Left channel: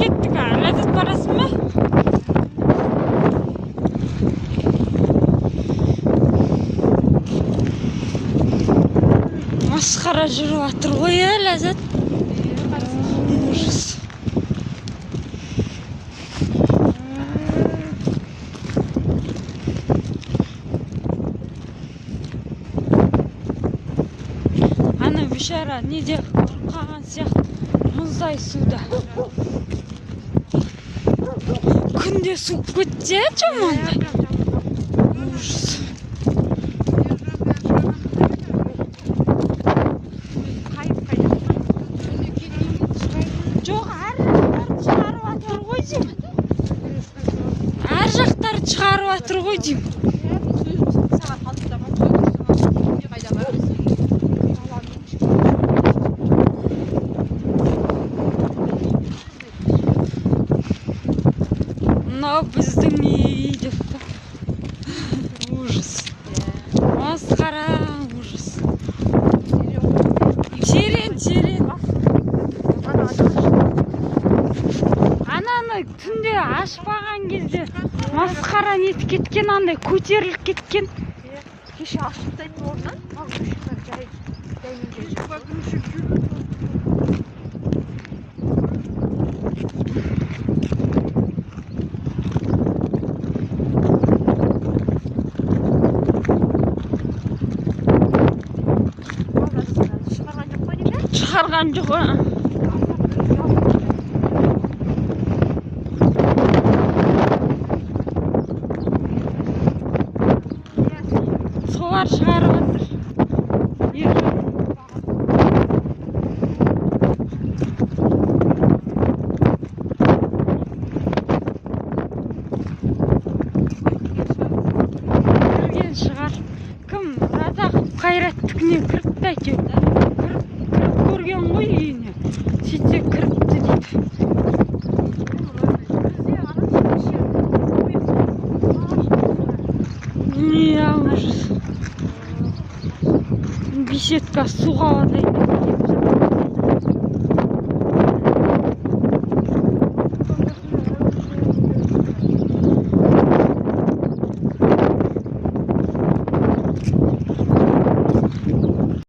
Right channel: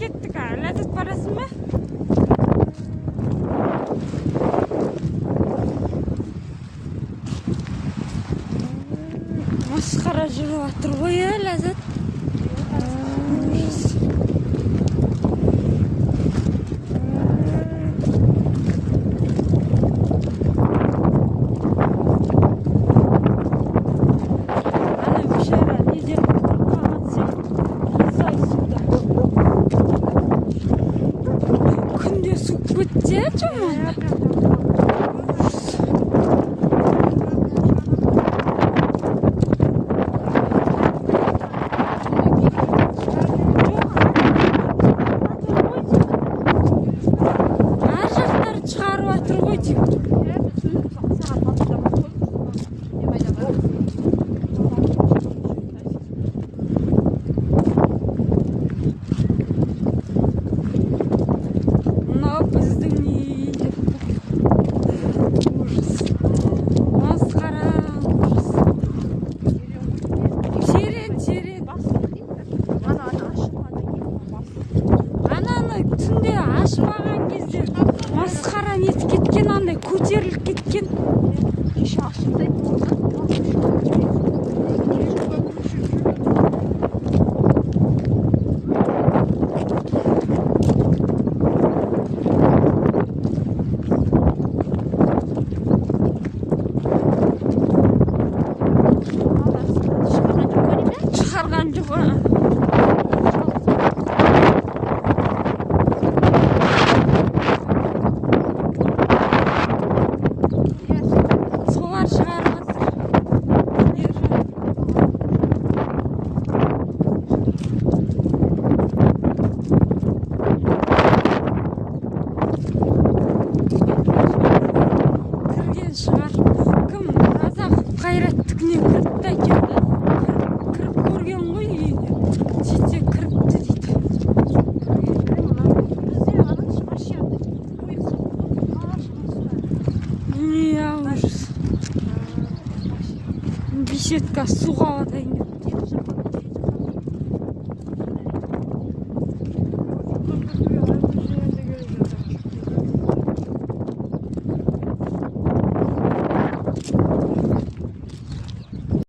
кеттік, ләззат барасың ба? Масқара жүріп жатыр ғой, Ләззат. Ана бейшара неде қалған сияқты мұздай суда. Күнде суып кетті, жамандай. Шығарып атыр ғой деймін. Мынау біздің үй деп. Ужас. Масқара, ужас. Терең. Ананы түнде ашпаған кезде масқара нетіп кеткен, андай көтеріліп кеткен. Кеше ашып тастайды орнынан. Шығарған жоқ. Солар шығарып жатыр. Кірген шығар. Кім Разақов Қайраттікіне кіріпті әкелді. Кіріп көрген ғой үйіне. Сөйтсе кіріпті дейді. Ужас. Беседка суға вадай.